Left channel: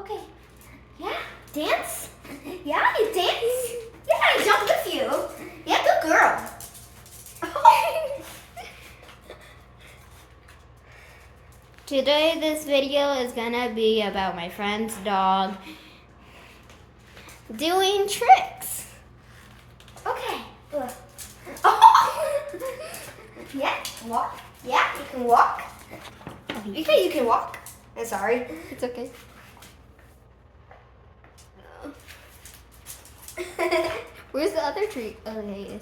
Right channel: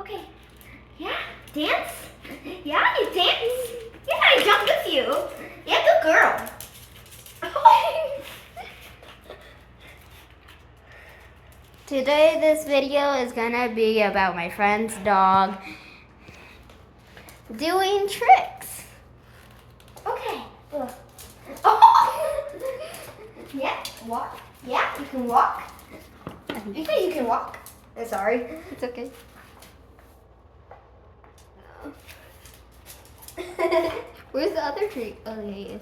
Okay. Yeah, dance. Yeah, you dance. Yeah, I jump with you. Yeah, good girl. Today this video is gonna be about my friend's dog doing tricks. Okay. Good. Oh. Yeah, walk. Yeah, you can walk. You think you can walk? I'm sorry. It's okay. Where's the other treat? Okay.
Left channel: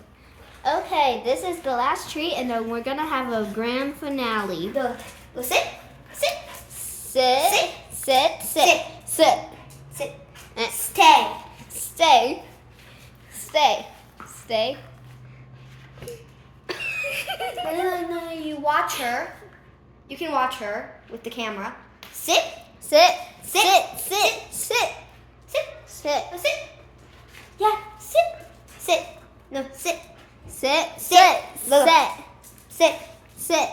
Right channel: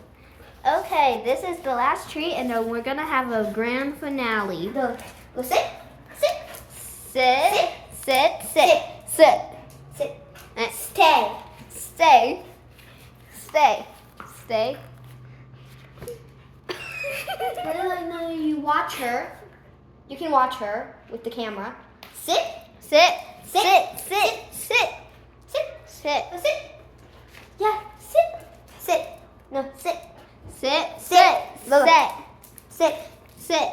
Okay, this is the last treat, and then we're gonna have a grand finale. Go sit. Sit. Sit, sit, sit, sit. Sit. Eh. Stay. Stay, stay, stay. No, you watch her. You can watch her with the camera. Sit. Sit, Sit. sit, sit, sit, Sit. sit, No, sit. Yeah, sit. Sit. No, sit. sit, sit, Look. sit, Sit. sit,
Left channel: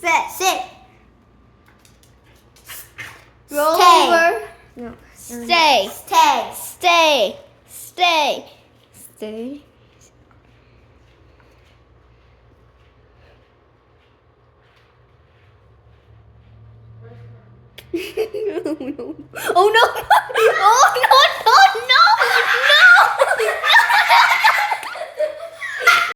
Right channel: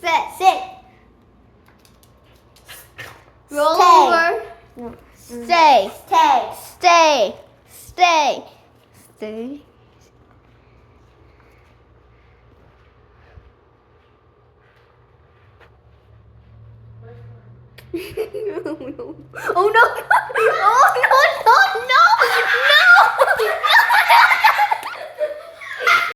sit. Sit. Roll Stay. over. No. Stay, Stay. stay, stay, stay. Oh no! Oh no!